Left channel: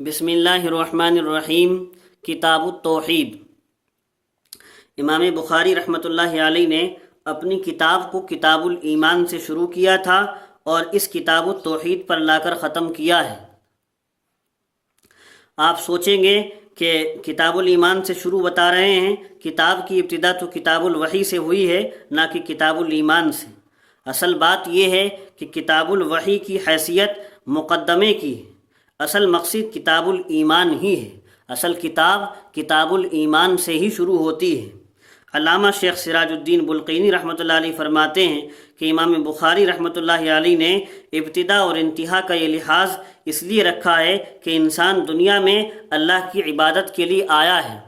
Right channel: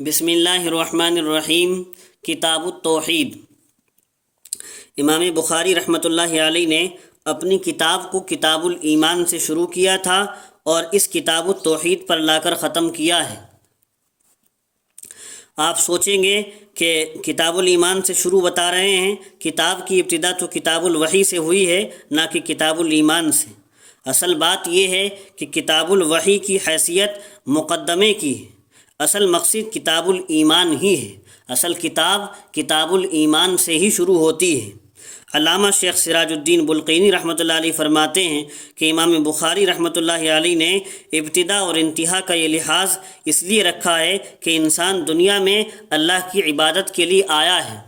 بسم اللہ الرحمن الرحیم۔ کتاب التوحید۔ امام بخاری رحمۃ اللہ علیہ نے اپنی کتاب کو کتاب الایمان سے شروع کیا تھا اور اس کتاب التوحید پر لا کر ختم کیا ہے۔ آپ سوچیں گے کہ کتاب الایمان سے شروع بتا رہے ہیں، کتاب کی ابتدا تو کتاب الوحی سے ہوئی ہے، نہ کہ کتاب الایمان سے۔ اصل بات یہ ہے کہ کتاب الوحی کی حیثیت مقدمے کی ہے، اصل مقصد کتاب الایمان ہی ہے، اصل کتاب کتاب الایمان سے ہی شروع ہوتی ہے۔ علامہ شیخ سراج الدین بلقینی رحمۃ اللہ علیہ فرماتے ہیں کہ امام بخاری رحمۃ اللہ علیہ نے ابتدا اور انتہا کا یہ لحاظ اس لیے رکھا ہے کہ انسان دنیا میں اللہ کی عبادت کے لیے آیا ہے۔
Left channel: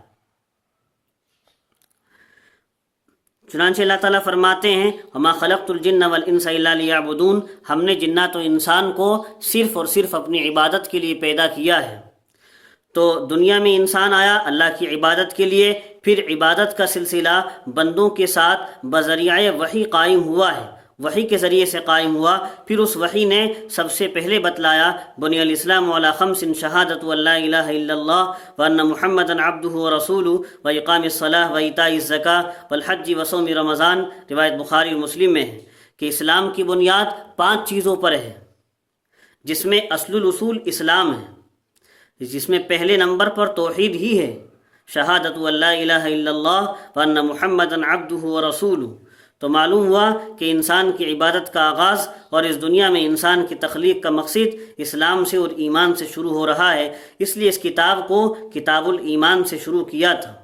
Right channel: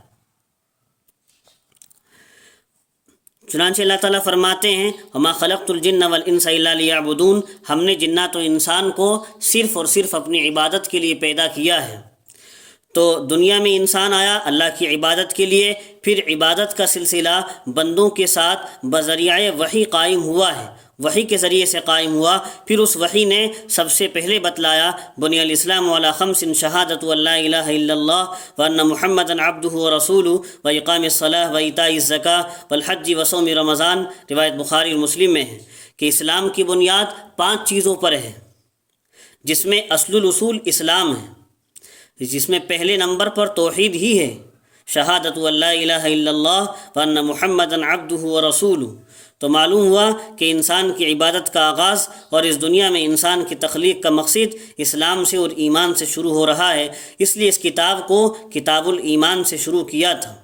چنانچہ اللہ تعالیٰ فرماتے ہیں وَمَا خَلَقْتُ الْجِنَّ وَالْإِنسَ إِلَّا لِيَعْبُدُونَ، ہم نے جنات و انسان کو صرف اور صرف اپنی عبادت کے لیے پیدا کیا ہے۔ تو دنیا میں انسان آیا اللہ کی عبادت کے لیے، پھر عبادت کا سلسلہ بندوں کے ساتھ بذریعہ وحی قائم ہوا ہے، وحی کے ذریعے سے قائم ہوا۔ پھر اس وحی نے سب سے پہلے بتلایا بنی الاسلام علی خمس شہادۃ ان لا الہ الا اللہ وان محمدا عبدہ ورسولہ واقام الصلاۃ وایتاء الزکاۃ والحج وصوم رمضان، روایت بخاری اور مسلم میں ہے کہ اسلام کی بنیاد 5 چیزوں پر ہے، جس میں اصل الاصول اسلام ہے، جس میں پہلے نمبر پر توحید ہی ہے، شہادت ان لا الہ الا اللہ وان محمدا عبدہ ورسولہ۔ تو معلوم ہوا کہ انسان کی عبادت کا آغاز اور اس دنیا میں انسان کی تخلیق کا مقصد اسلام سے اور ایمان سے شروع ہو رہا ہے، اس لیے اس کتاب کو کتاب الایمان سے شروع کیا تھا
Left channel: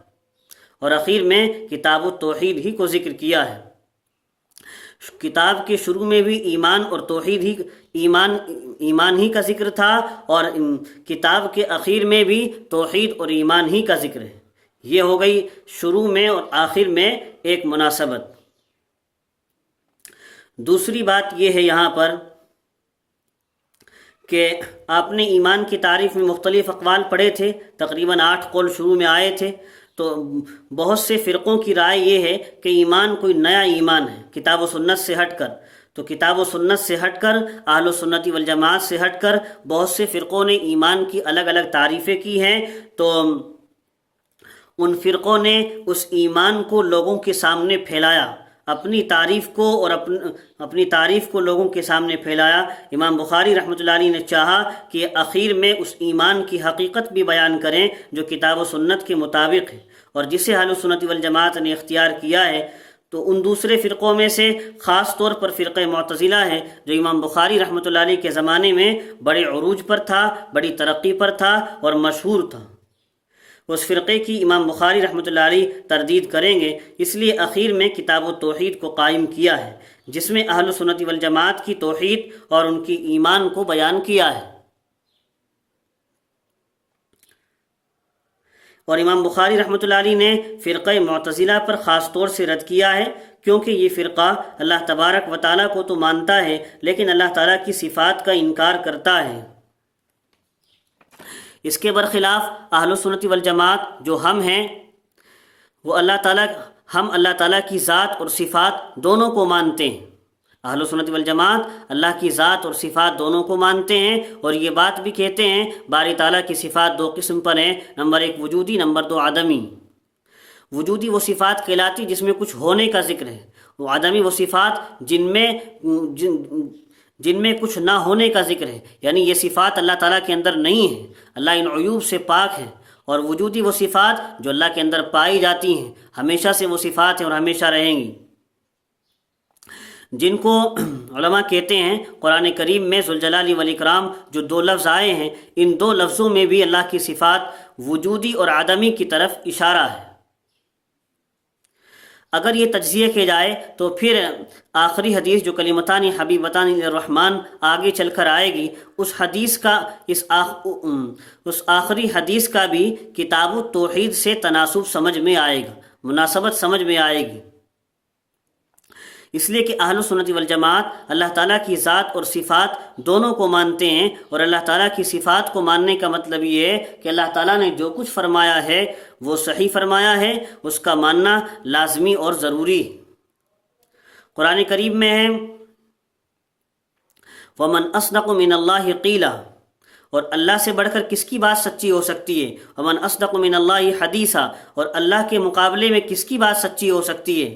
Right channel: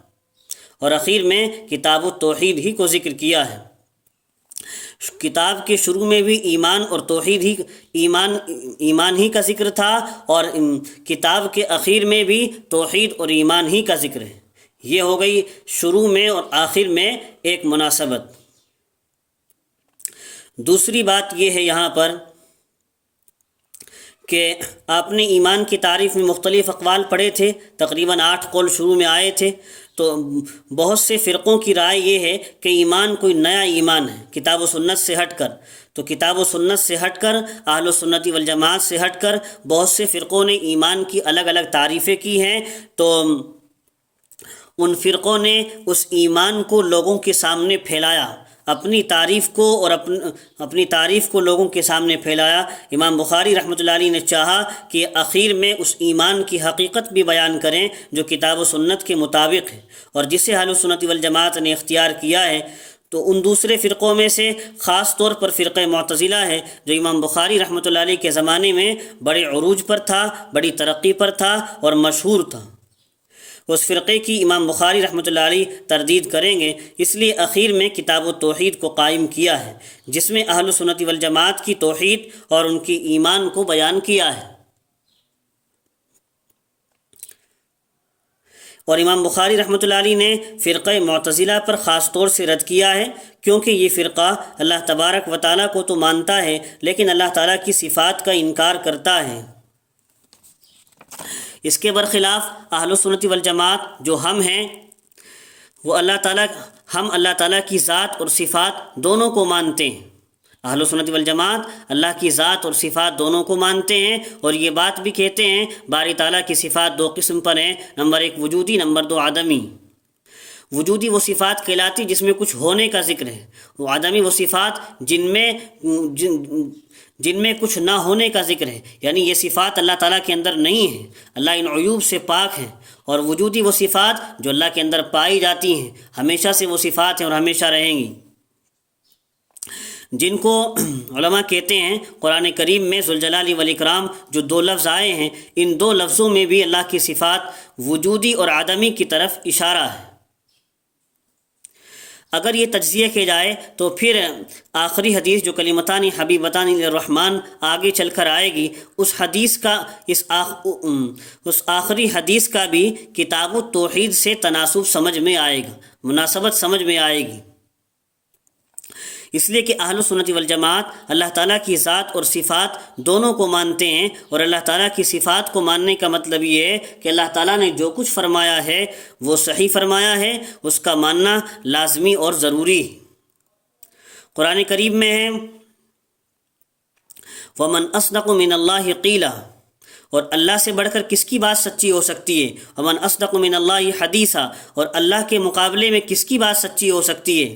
اور اخیر میں کتاب التوحید ہی کو ذکر کیا ہے۔ کتاب کے شروع میں بھی ایمان اور توحید ہی ایمان ہی کا ذکر تھا، اور کتاب کے اخیر میں بھی توحید اور ایمان ہی کا ذکر ہے۔ یہ ہو گئی شروع میں اور آخر میں ایک مناسبت۔ دوسری بات یہ ہے یہاں پر کہ آپ نے ایمان کی تعریف میں مختلف اقوال پڑھے تھے، تقریباً 8 قول شروع میں آئے تھے۔ تو بہت سے فرقوں کی رائے یہ ہے کہ ایمان کوئی نیا ایمان ہے کتاب و سنت سے ہٹ کر۔ تو کتاب و سنت سے ہٹ کر، اہل سنت والجماعت سے ہٹ کر بہت سے فرقوں نے ایمان کی الگ الگ تعریفیں کی ہیں۔ تو ان فرقوں نے اس ایمان کو لوگوں کے سامنے پھیلایا، اپنی تعریف کو اور اپنی تعریف کو لوگوں کے سامنے پھیلایا۔ امام بخاری رحمۃ اللہ علیہ نے چاہا کہ اخیر میں اس ایمان کی حقیقت بھی بیان کریں جو کتاب و سنت کے مطابق ہے اور جسے اہل سنت والجماعت نے اختیار کیا ہے۔ تو ان دوسرے فرقوں میں سے خاص طور پر فرقہ معتزلہ ہے، جو امام بخاری رحمۃ اللہ علیہ کے زمانے میں بڑے عروج پر تھا، بڑی ترقی پر تھا اور مشہور تھا۔ اس فرقے کی امام بخاری رحمۃ اللہ علیہ تردید کریں گے، اس لیے اخیر میں کتاب التوحید کو قائم کیا ہے، جس میں اہل سنت والجماعت کی توحید اور ان کی ایمان کو بیان کیا ہے۔ اور امام بخاری رحمۃ اللہ علیہ نے فرقہ معتزلہ پر خاص طور سے رد کیا ہے، کیونکہ یہ فرقہ اللہ تبارک و تعالیٰ کو تو مانتا ہے لیکن اللہ تعالیٰ کی صفات کا انکار کرتا ہے۔ اس کے برخلاف اہل سنت والجماعت جو ہم ہیں، وہ ہم اللہ تعالیٰ کی ذات اور صفات دونوں کو مانتے ہیں۔ اہل سنت والجماعت اللہ کی ذات اور صفات دونوں کو مانتے ہیں، اور یہ بات بھی کہتے ہیں باری تعالیٰ کی صفات 2 قسم پر ہیں، نمبر 1 وجودی، نمبر 2 عدمی۔ وجودی وہ صفات کہلاتی جس میں کچھ ہونے کا ذکر ہے، وہ عدمی وہ صفات جن میں کچھ نہ ہونے کا ذکر ہے، یعنی یہ صفات اللہ تعالیٰ کے اندر نہیں ہیں، اللہ ان عیوب سے پاک ہیں۔ اور وجودی وہ صفات جو اللہ کے اندر پائی جاتی ہیں، ہمیشہ سے وہ صفات ہیں اور ہمیشہ رہیں گی، جن کو علماء کہتے ہیں قرآن کریم میں ذوالجلال والاکرام جو 2 لفظ آئے ہیں، ان 2 لفظوں میں بھی اللہ کی صفات وجودی اور عدمی کی طرف اشارہ ہے۔ اگر یہ تجزیہ کیا جائے تو پھر آخری حدیث جو کلمتان حبیبتان الرحمن آگے چل کر آئے گی، اس آخری حدیث کا بھی کتاب التوحید سے تناسب سمجھ میں آئے گا، مناسبت سمجھ میں آئے گی، اس لیے کہ اہل سنت والجماعت اللہ تعالیٰ کی ذات اور صفات دونوں کو مانتے ہیں، اور اللہ تعالیٰ کی صفات کو ماننے کا مطلب یہ ہے کہ اللہ تعالیٰ نے جو کچھ فرمایا ہے وہ صحیح فرمایا ہے، اس کا ماننا لازمی اور ضروری ہے۔ قرآن کریم میں ہے وَمَنْ أَصْدَقُ مِنَ اللَّهِ قِيلًا، اور اللہ سے بڑھ کر کس کی بات سچی ہو سکتی ہے؟ ومن اصدق من اللہ حدیثا، اور اللہ کے مقابلے میں کس کی بات سچی ہو سکتی ہے؟